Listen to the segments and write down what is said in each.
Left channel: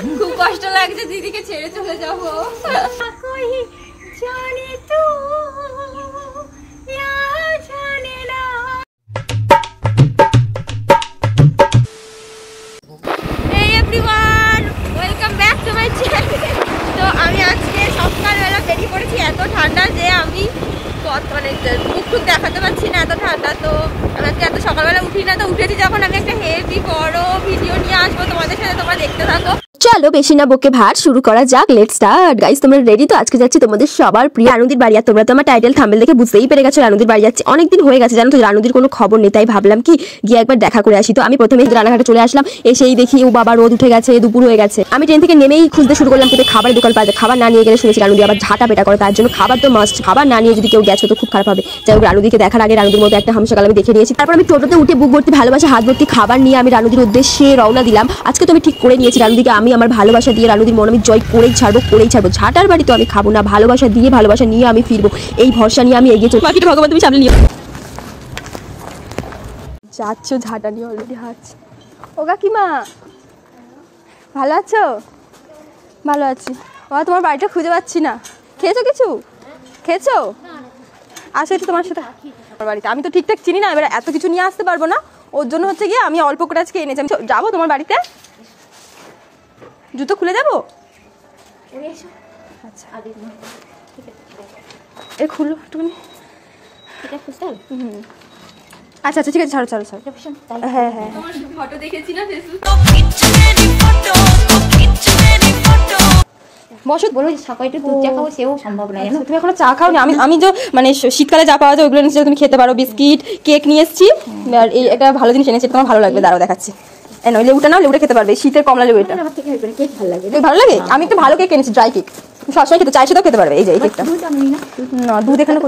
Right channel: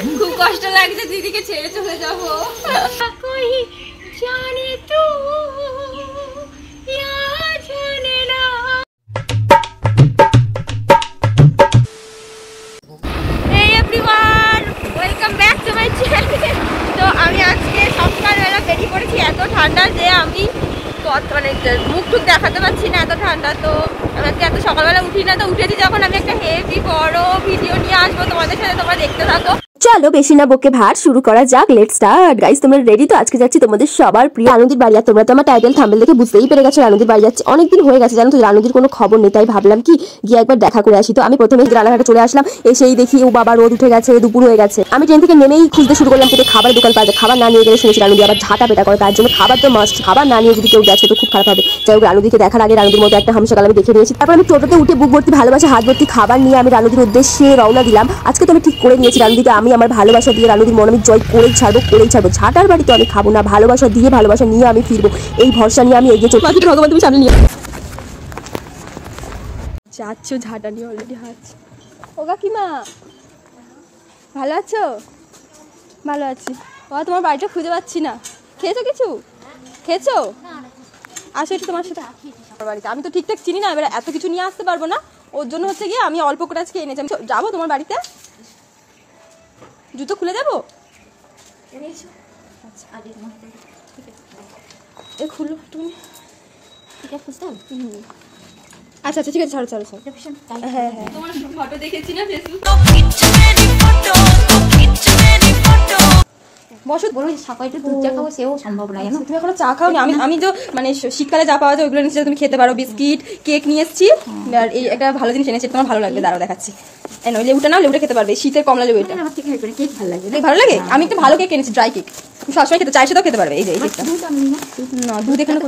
খুব কষ্ট লাগছে দিদিকে ছেড়ে চলে যাবো। জানে তো জানে না। এই everyone, welcome back to my channel. তো আমি আজকে সকালবেলা বেরিয়ে পড়েছি, এত ঠান্ডা যে আমি মানে মুখ টুক দেখাতে পারছি না, এত ঠান্ডা। তো আমি আজকে এত সকালবেলা উঠি না, তো উঠেছি যখন আমি একটা হেভি বড় ভিডিও নিয়ে আসবো তোমাদের সাথে, তোমরা দেখতে থাকো। চলো বেশি না বকে ভাট শুরু করা যাক। Let's start guys. তোমরা রেডি তো? আজকে যাচ্ছি তোমাদের সবার প্রিয় রানুদির বাড়ি। আর তোমরা তো আমার টাইটেল থাম্বনেল দেখে বুঝতেই পেরে গেছো রানুদির বাড়ি যাচ্ছি। অনেকদিন হয়ে গেছে জানো তো, রানুদির কোনো খবর নেই, তাই ভাবলাম কি গিয়ে একবার দেখা করে আসি। তো আমি প্রথমে রানাঘাটে চলে আসলাম, এসেই দেখি ও বাবা রোদ উঠে গেছে, দুপুর হয়ে গেছে। আমি ট্রেন থেকে নেমেই খুঁজতে শুরু করলাম কিন্তু খাবার দোকান পাওয়া যায়। খাবার না নিয়ে গেলে শুনেছি রানুদি আবার ঝাঁটা পেটা করে, তার জন্য খাবার তো মাস্ট। খাবার না নিয়ে যদি কেউ গেছে তো খুব খারাপ হবে। যাই হোক, রানুদিকে দেখার আগে রানুদির মতো একটা হামসকাল আমি দেখে নিয়েছি। তারপর আমি টোটোতে উঠে বুক ভর্তি ভালোবাসা, হাত ভর্তি খাবার নিয়ে আমি রানুদির উদ্দেশ্যে রওনা দিলাম। আজকে তো আমি ঠিক করে নিয়েছি রানুদিকে আমি আমার ভালোবাসা দিয়ে রানুদির মন আমি জয় করেই ছাড়বো। ঝাঁটার বাড়ি তো আমি খাবো না, ভালোবাসা দিয়ে ভালোবাসা নিয়ে আমি ফিরবো। এই ভরসা নিয়ে আমি এগিয়ে চলবো। ভগবান তুমি সামনে নিও। যাচ্ছ ঝাঁটা নিয়ে অলরেডি হাঁটছি। ও কাকিমা ভালো আছো? ভালো আছি। ও তোমার বাড়িটা খুঁজে পাচ্ছি না। খেয়েছো কিছু? খেয়েছো? আসো একটু তোমার সাথে বাড়িতে। আমি তো ঠিকঠাক চিনি না, এবার এত কিছু নিয়ে আসতে পারবো না। ওর জন্য হচ্ছে গিয়ে আমি অল্প করে আজকে এনেছি। আমি যাবো তোমার বাড়িতে, জুতো খুলে যাবো। আচ্ছা এই খুলো তুমি। আচ্ছা আচ্ছা ঠিক আছে, ছাড়ো ছাড়ো ছাড়ো। হ্যাঁ হ্যাঁ, তোমার ফটো দেখেছি না ফেসবুকে। বসো, বলো সকালে একটু দুধ চা খাবো, সেও সম্ভব নয় জানো। তুমি এখনো চা খাও না? আমি তো মানে শীতকালে যা পাওয়া যায় ওইগুলো নিয়ে তুমি খেতে পারো। বিস্কিট, কেক নিয়ে এসেছি। আর এই একটা ভালো জিনিস এনেছি, তোমার ভালো লাগবে, দাঁড়াও দেখাচ্ছি। লেবুটা না, লেবুটা খেতে পারবে, শীতের কমলা লেবু। এটা কেক ভালো লাগে। ভালো লাগে? আমি একটা ভালো কেক এনেছি, ড্রাই কেক। সবসময় খেতে, চায়ের সাথেও খেতে পারবে। এই যে এই কেকটা না, দুধ এখানে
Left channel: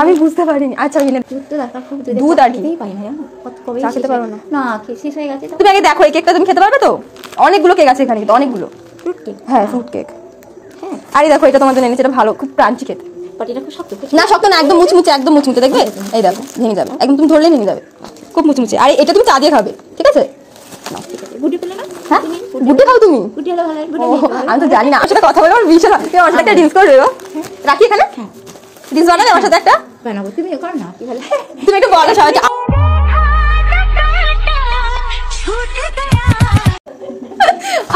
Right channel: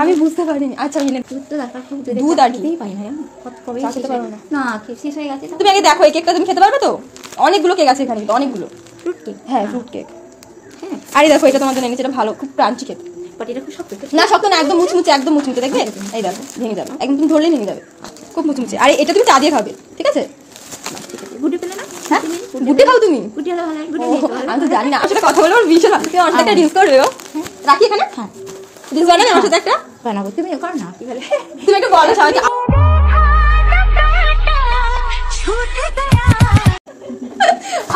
আমি বুঝতে পারিনি। আচ্ছা দুধ আর খেতে পারবো না, না শেষ হয়ে গেছে। তুমি আগে দেখো এই কেকটা তুমি খেতে পারবে তো? অনেকগুলো কেক আছে এখানে, কিন্তু অনেকগুলো ফ্রুট কেক। হ্যাঁ ফ্রুট কেক। হ্যাঁ আরে দেখো এটা তোমার জন্য এনেছি, এটা ভালো, খুব ক্রাঞ্চি খেতে। এটা খুব শক্ত না? শক্ত না, একদম মুচমুচে, একদম মুচমুচে। দেখবে এই দেখো ভেঙে যাবে একদম, তুমি ধরলেই ভেঙে যাবে, খুব মুচমুচে। আর এটা তুমি চা দিয়ে খাবে, ঠিক আছে? গুটি পেলে না? হ্যাঁ গুটি খাও তুমি? আমি তো জানি না, আমার সাথে কথা বলে আমার ভীষণ আমার সাথে ডিস করবে। ও রাখি এখানে, ডিস বানাবে আমার সাথে একটা বানাবো। তুমি কর না, তুমি একটু বলো সবাইকে।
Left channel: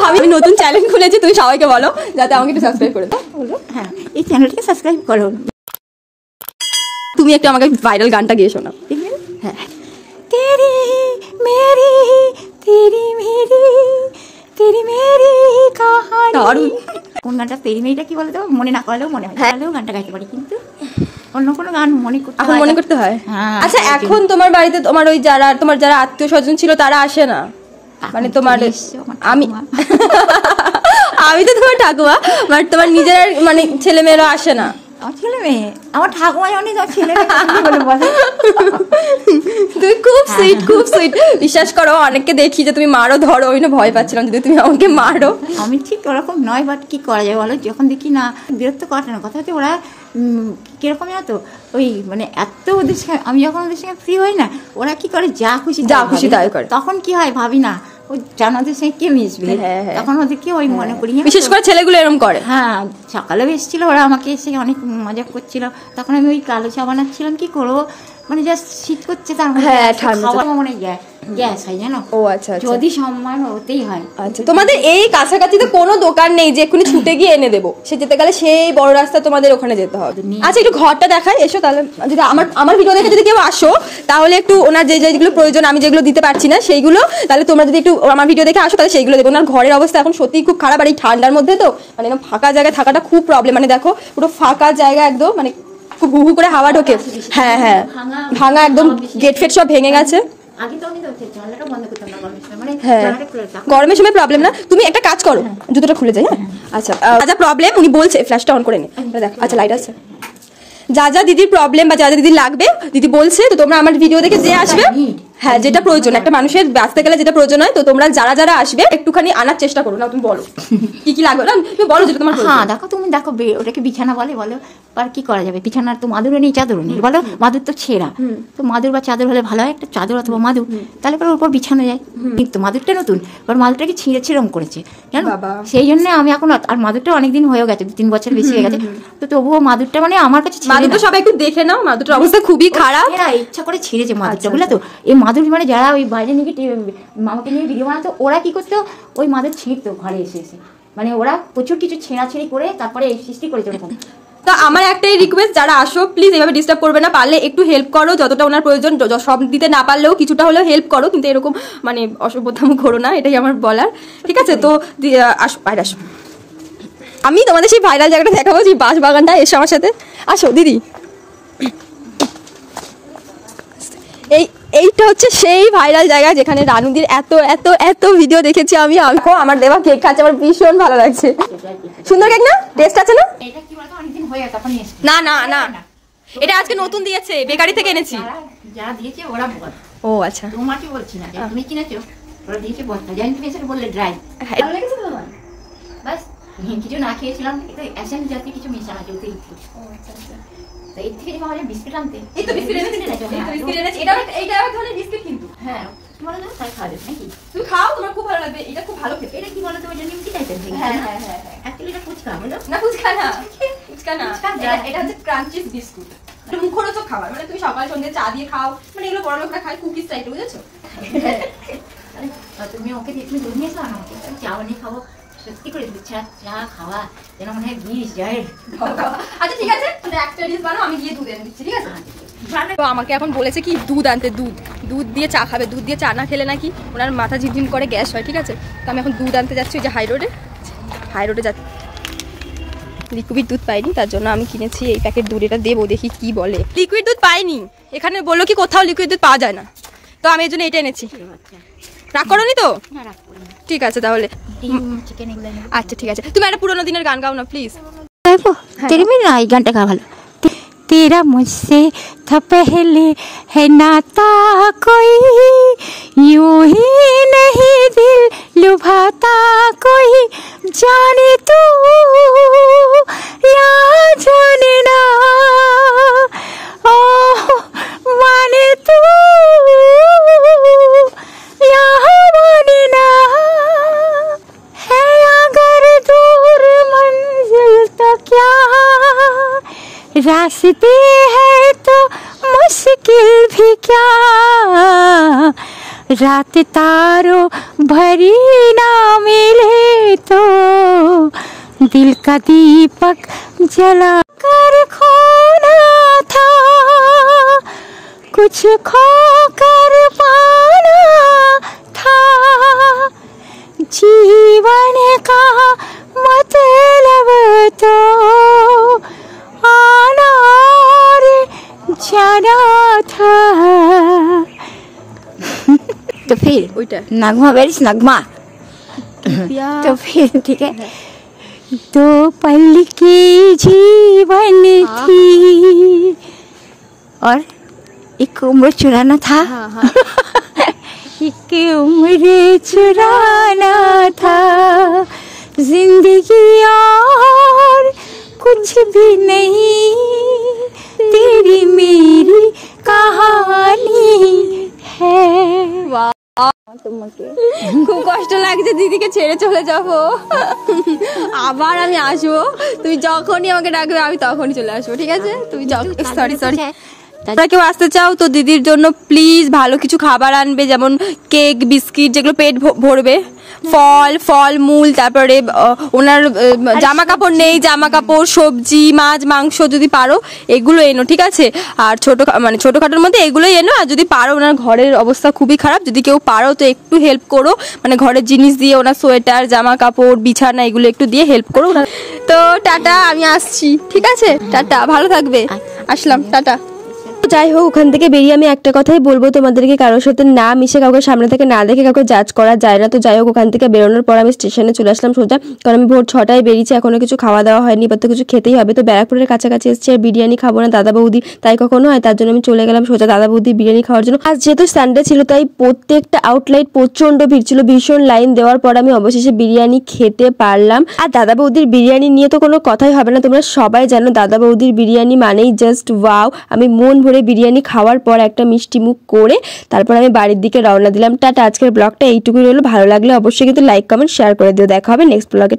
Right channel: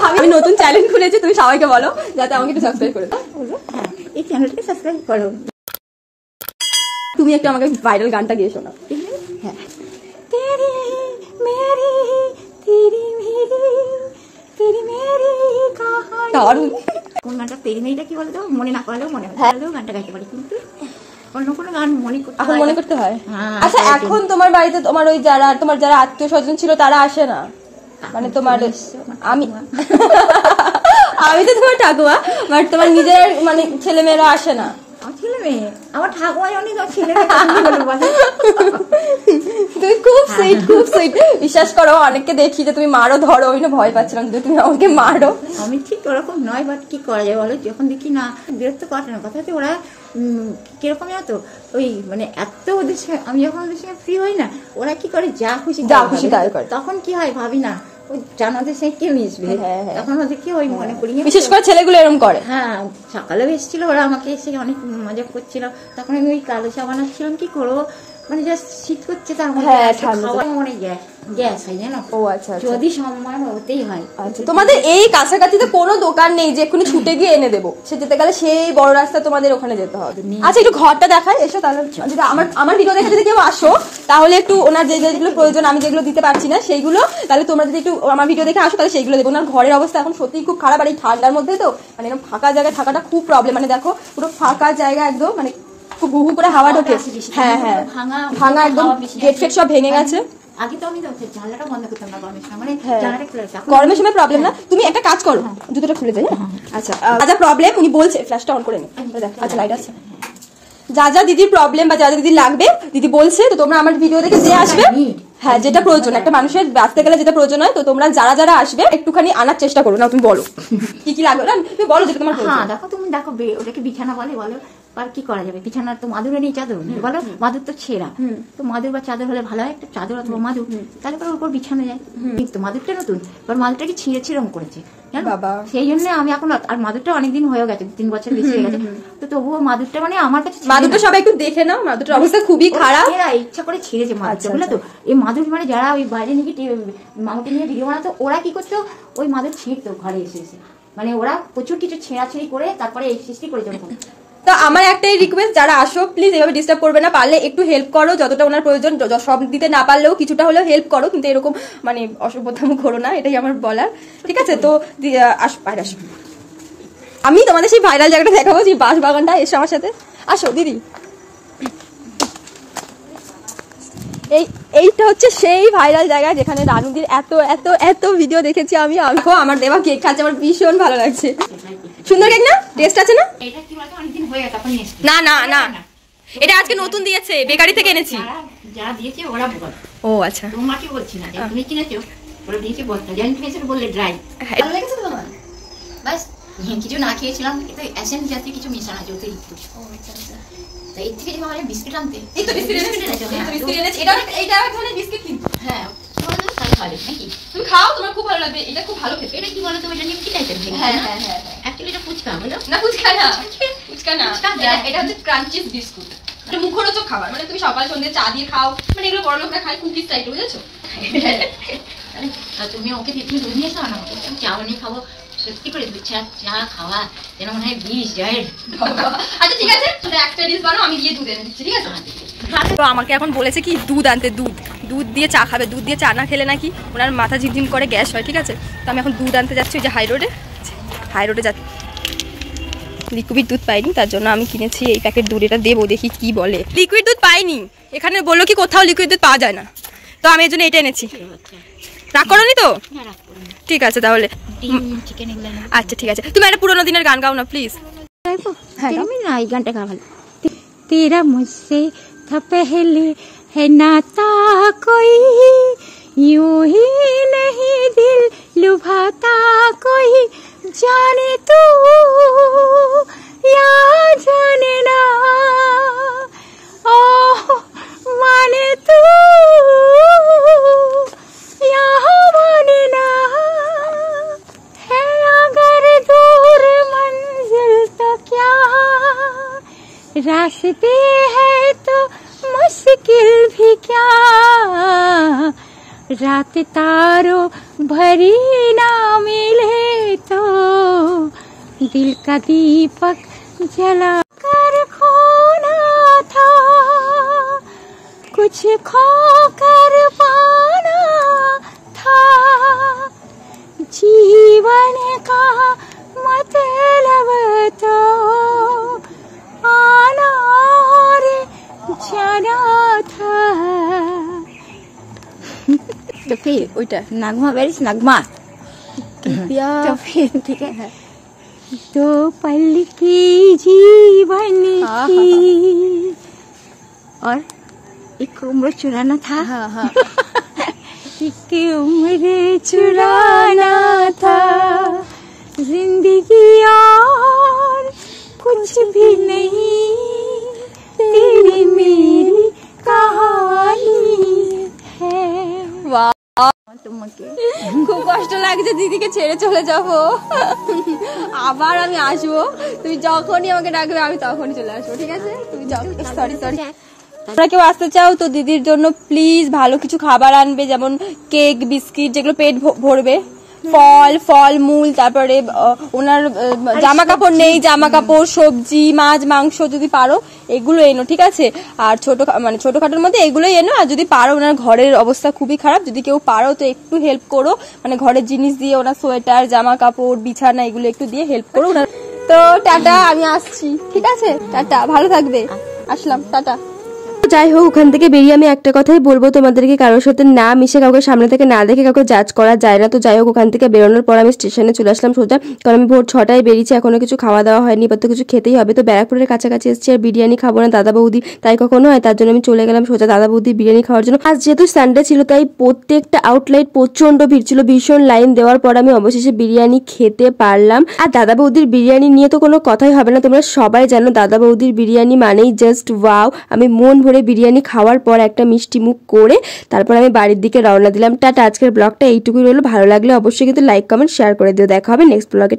আমি নতুন চ্যানেল খুলেছি, তুমি সবাইকে বলো যাতে আমাকে একটু সাবস্ক্রাইব করে দাও। হ্যাঁ এই চ্যানেলটাকে সাবস্ক্রাইব করো। তুমি একটু আমাকে ভাইরাল গানটা গিয়ে শোনাও। হ্যাঁ তেরি মেরি তেরি মেরি তেরি মেরি কাহানি। দারুণ। কোন গানটা? তেরি মেরিটা কি বলতো মনে না করলেও মনে হয়, গানটা গাইতে পারি, কিন্তু অন্য কোনো গান মনে করতে হয়। আচ্ছা এখন তোমার বাড়িতে তোমার ওই যারা আত্মীয় স্বজন ছিল তারা আসে না? মানে তোমার আমি তো তোমার ঠাকুমা, বাট তোমার নিজের মানে ছেলে মেয়েরা আসে না? ছেলে মেয়ে আমার ঠাকুমা অনেক ছেলে। তুমি খুব সুইট, খুব সুইট। বিশ্বাস করো অনেককে দেখি যে তুমি মারো ধরো, ওই না ভয় পাচ্ছিলাম যদি তুমি আমাকে মারো। আমি ঠিক ওরকম নয়, বাট কি করা যায় বলো, যখন দেখি না বিরক্ত করে না। কথা হচ্ছে ওরা কিরকম জানো তো, ওই মানে এত ওদের সঙ্গে আমি যখন ওদের সঙ্গে ফ্রি হই না, ওরা কি করে যা খুশি তাই করে। তখন কি হয় ভাবি না ওই জানাদের সঙ্গে কি মিশবে, তখন ওদের কি ওই মনে করি। বিশেষ করে ছেলেগুলো এরকম করে। হ্যাঁ সকালেও এসেছিল ওরা, আমাকে এসে অনেক মজা করছিল। তখন আমি ওই কালো চা বানাচ্ছিলাম, কি করবো মানে জাস্ট শীত করছে, তার মনে গ্যাস হয় জানো। ও আচ্ছা, যদি সম্মান হতেই হয়। আচ্ছা তোমাদের এই কাছাকাছি তো কোনো দোকান নেই যে এক্ষুনি ছুটে গিয়ে এনে দেবো? সে যেতে গেলে সেই বড় রাস্তা তোমাদের ওখানে যেতে হবে। আচ্ছা একটু ঘরটা দেখাই, এসো তাহলে। যদি আমার ভিডিও দেখে যদি কেউ আসো তাহলে একটু ওনার যেগুলো প্রয়োজন আমি যেগুলো দিতে পারছি না সেইগুলো, তাহলে তোমরা যদি একটু আমার ভিডিও দেখে আসো তাহলে সেইগুলো দেবো। ওনার ঘরের অবস্থা এখন সত্যি খুব খারাপ, আর এই ঠান্ডার মধ্যে তো মানে ফাঁকা জায়গায় থাকাটা খুব প্রবলেম। মানে দেখো পুরো ফাঁকা জায়গা একদম, মানে খুব হু হু করে হাওয়া ঢোকে। হ্যাঁ হ্যাঁ ভাঙা একদম, গেট ফেট সব ভেঙে গেছে। গরমের সময় প্রবলেম না, তুমি একটা কাজ করো, জুতোটা খুলে যাই। আচ্ছা যা প্রবলেম উনি বলছে, ফ্ল্যাশটা অন করে নে। আচ্ছা লাইট আছে। যা যা দিদির প্রবলেম বা যা যা দিদির লাগবে দিদি বলছে, তো তোমরা আমার ভিডিও দেখে যে আসবে, হ্যাঁ যেটা প্রয়োজন একটা মানুষের বাঁচতে গেলে যেটা প্রয়োজন হয়, তো তোমরা যারা আসবে একটুখানি আনার চেষ্টা করো না। তুমি বলো কি কি লাগবে না, তুমি বলো যেটা তোমার। হ্যাঁ দেখো তুমি দেখো ওটাকে বিছানা বলে আর কি করা যাবে, বিছানার তো মাদুরও নেই চাদরও নেই, বলো মাদুর তো ছেঁড়া, তো মাদুর বা চাদর হলে ভালো হয়, একটা চাদর অথবা মাদুর, তাহলে পরে ওর উপর বিছানো যায়। কিন্তু মাদুরটা নতুন, এবার মাদুরটাকে ছিঁড়ে ছিঁড়ম করেছে বাবা, সেই জন্য আমি এখন, আর মাদুরটা অনেকদিন হয়ে গেছে, 2-3 বছর বেশি হয়ে গেছে, তো তবুও মাদুরটা মানে আমার কাছে, মাদুরটা সবাই একটু দেখে নাও, মাদুরটা অবশ্যই খুবই খারাপ, এরা ইচ্ছা করে ছিঁড়েছে মাদুরটা, বুঝলে তো। এই মাদুর মানে যারা ওই বাইরে নিয়ে মামাকে নিয়ে ভিডিও বানাতো, ওরা কি করতো, ওই মাদুর ছিঁড়তো ঘরে এসে এসে, মানে ওরা প্রচুর কিছু ছেঁড়াছেড়ি করে তারপরে এই সৃষ্টি করেছে ওরকম। তো আমার একটাই রিকোয়েস্ট, যারা আসো প্লিজ এভাবে ডিস্টার্ব করবে না, পারলে একটু হেল্প করো, যতটা ওনার প্রয়োজন, সব দিতে না পারলেও কিছুটা হলেও হেল্প করো, কিন্তু এরকম মানে অসভ্যতাম করো না, এটাই আমার বলার, ঠিক আছে। তো আসো বাইরে আসো, আমি তোমাদের সেই ভাইরাল জায়গাটা দেখাবো, যে বাঁশ বাগানটা, এসো আমার সাথে, আসো দিদি। এইটা হচ্ছে সেই ভাইরাল জায়গা যেখানে রানুদির এত এত এত ভিডিও দেখেছি আমি। আমার দেওয়া কেক খাচ্ছে, আমার ভীষণ ভালো লাগছে, সুন্দর কেক না, টেস্ট আছে না? না না না, এটা আজকে নতুন দিয়েছে, বেকারি থেকে এনেছি। যারা দিয়েছে ওরা বল, ও আচ্ছা, তোমাকে বলছি না, তুমি কিনেছো, ওরা দিয়েছে বলতে জানি, তুমি এসে বললে ড্রাই, ভালো লেগেছে তো তোমার? বাস কিছু না খেয়েছিলাম, এটা এসেন্স জাতীয় কিছু মিশানো আছে অতিরিক্ত। ও আচ্ছা আচ্ছা, তো এর থেকে যদি বিস্কিট আনতে, এই তো বিস্কিট এনেছি, এটা এক ধরনের বিস্কিট কিন্তু, হ্যাঁ তোমার জন্য তাই খাবে নাকি, তুমি খাও, তোমার খুব ভালো লাগবে, এটা খুব ভালো খেতে। এটা কি বলো, তুমি এটা নিমকি টাইপের, হ্যাঁ হ্যাঁ হ্যাঁ, অ্যাকচুয়ালি এটা ফুচকা বলো না, ফুচকা না, ফুচকা না, এটা হচ্ছে ক্রাঞ্চিস বিস্কুট, এটা মুখরোচক খাবার, মানে তুমি সকাল সন্ধ্যে চা দিয়ে খাও, মানে এগুলো বড় লোকরা খায়, কুকিজ টাইপের, বুঝেছো? তুমি ওকে দিয়ে তুমি দুধ নিয়ে এসো না, আমি চা বানিয়ে খাবো, সত্যি করে দুধ চা খাওয়া যেন মনে হয় বিষ যায়। আচ্ছা ঠিক আছে, একটা ডিশ বানাও, আমি দিয়ে দুধ এনে দিচ্ছি, ঠিক আছে? তো আমাকে এখন বলেছে কি দুধ আনতে, দুধ দিয়ে চা খাবে, দুধ দিয়ে চা না খেলে নাকি ওনার মাথা ঝিমঝিম করে, গ্যাস হয়, ঠিক আছে। তো আমি এখন দুধ আনতে যাচ্ছি, ওই যে হাই রোডে যাচ্ছি, লিকুইড দুধ পাইনি, তার জন্য আমি কিনেছি এই প্যাকেট দুধ, এটা দেবো, দেখি কি বলে। লিকুইড দুধ পাইনি, এখানে বললো কি কোথাও লিকুইড দুধ পাওয়া যায় না, তো আমি এই জন্য এটা এনেছি। রাগ করোনি তো? ঠিক আছে তাহলে, আচ্ছা ঠিক আছে, তুমি একটা পুরোনো দিনের গান গাও না প্লিজ। এই গানটা গাওয়া ভালো। तेरा मुझसे था पहले है नाता कोई, यूं ही नहीं दिल लुभाता कोई, जाने तू या जाने ना, माने तू या माने ना, है अगर दूर मंजिल तो क्या, रास्ते हैं तो मुश्किल भी क्या, रात तारों भरी ना मिले तो दिल का दीपक जला कर खोना था, कुछ खो कर पाना था, जीवन का मतलब तो आना और जाना था। तो फिर ওইটা नगमा बेरिस नगमा, तो फिर ठीक है, दो पल की जीवन थी और एक उम्र चुराना था, एक उम्र चुराना था, जिंदगी और कुछ भी नहीं, तेरी मेरी कहानी है। খুব কষ্ট লাগছে, দিদিকে ছেড়ে চলে যাবো, আবার আমি আসবো, তুমি যখনই আমাকে ডাকবে আমি তখনই চলে আসবো, ঠিক আছে? তুমি সরি তোমরা কেউ আসতে চাও তো দিদির জন্য প্লিজ ভালো কিছু খাবার আনবে, যেমন কেক, বিস্কিট, যেগুলো পেট ভরবে, ফল মূল, তারপরে ওনার জামা কাপড় নেই, জামা কাপড়, সবজি, মাছ, মাংস যদি পারো এগুলো এনো, ঠিক আছে? আর ছোটখাটোর মধ্যে এগুলোই এনো, আর যদি পারো, ওনার ঘরের অবস্থা খুবই খারাপ, যদি কেউ পারো তো একটু হেল্প করো, মানে ঘরের জিনিস দিয়ে, ওনার সোয়েটার, জামা কাপড়, বিছানা, এগুলো একটু দিয়ে হেল্প করো। তো টাটা, আমি আসছি, ঠিক আছে? টাটা, ভালো থাকবে, আসলাম, টাটা। যাই হোক, ওখান থেকে বেরিয়ে আমি একটা কথাই বলবো তোমাদেরকে, কারোর সাথে না মিশে, কাউকে সামনে থেকে না দেখে কাউকে জাজ করা যায় না। তো যাই হোক, ওখান থেকে বেরোনোর পর আমি স্টেশনে চলে আসলাম সোজা, কারণ আমি ভোর 6টায় বেরিয়েছি, এখনো কিছু খাওয়া দাওয়া হয়নি, এবার তো কিছু খেতেই হবে। তো ব্যারাকপুরের কাছাকাছি এসেছি, আর বিরিয়ানি খাবো না দাদা বৌদি তাই কখনো হয়, তার জন্য আমি চলে গেলাম সোজা দাদা বৌদি বিরিয়ানি খাওয়ার জন্য। আর যেহেতু সানডে ছিল তাই প্রত্যেকটা আউটলেট প্রচন্ড ভিড় ছিল, ভীষণ লাইন দেওয়ার পর আমি অবশেষে বিরিয়ানি খেতে পারলাম। আর দাদা বৌদির বিরিয়ানি নিয়ে তো কোনো কথাই হবে না, তোমরা সবাই জানো দাদা বৌদির বিরিয়ানি মানেই জাস্ট ওয়াও। আমি মন ভরে বিরিয়ানি খাওয়ার পর একটা মিষ্টি মুখ করে তারপর আমি বাড়ির দিকে রওনা দিলাম। টাটা, আজকের ব্লগটা এইটুকুই রইলো। ভালো লাগলে অবশ্যই কিন্তু লাইক কমেন্ট শেয়ার করে দিও। দেখা হবে নেক্সট ব্লগে।